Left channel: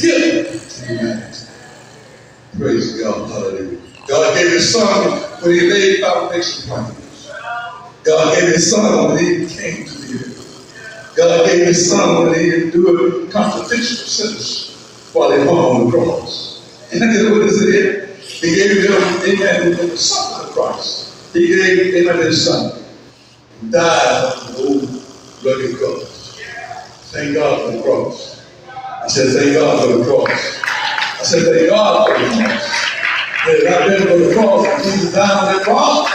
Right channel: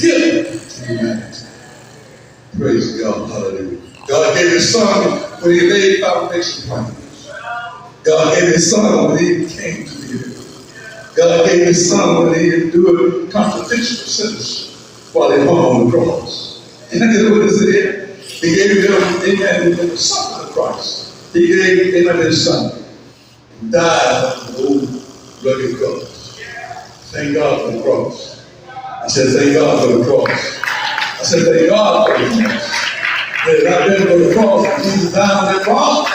gift to humanity. Praise God. Hallelujah. God gave his son when he laid foundation plans. God gave his son when he came to the earth. God gave his son when he endured contradiction of sinners while he hung on the cross. And I get what it said. He gave him, amen, the son of Christ. He gave him his son. He died on the old rugged cross. Thank God for the cross. I said, thank God for the cross. I said, thank God for the cross. Had it not been for the cross, Jesus died on the cross,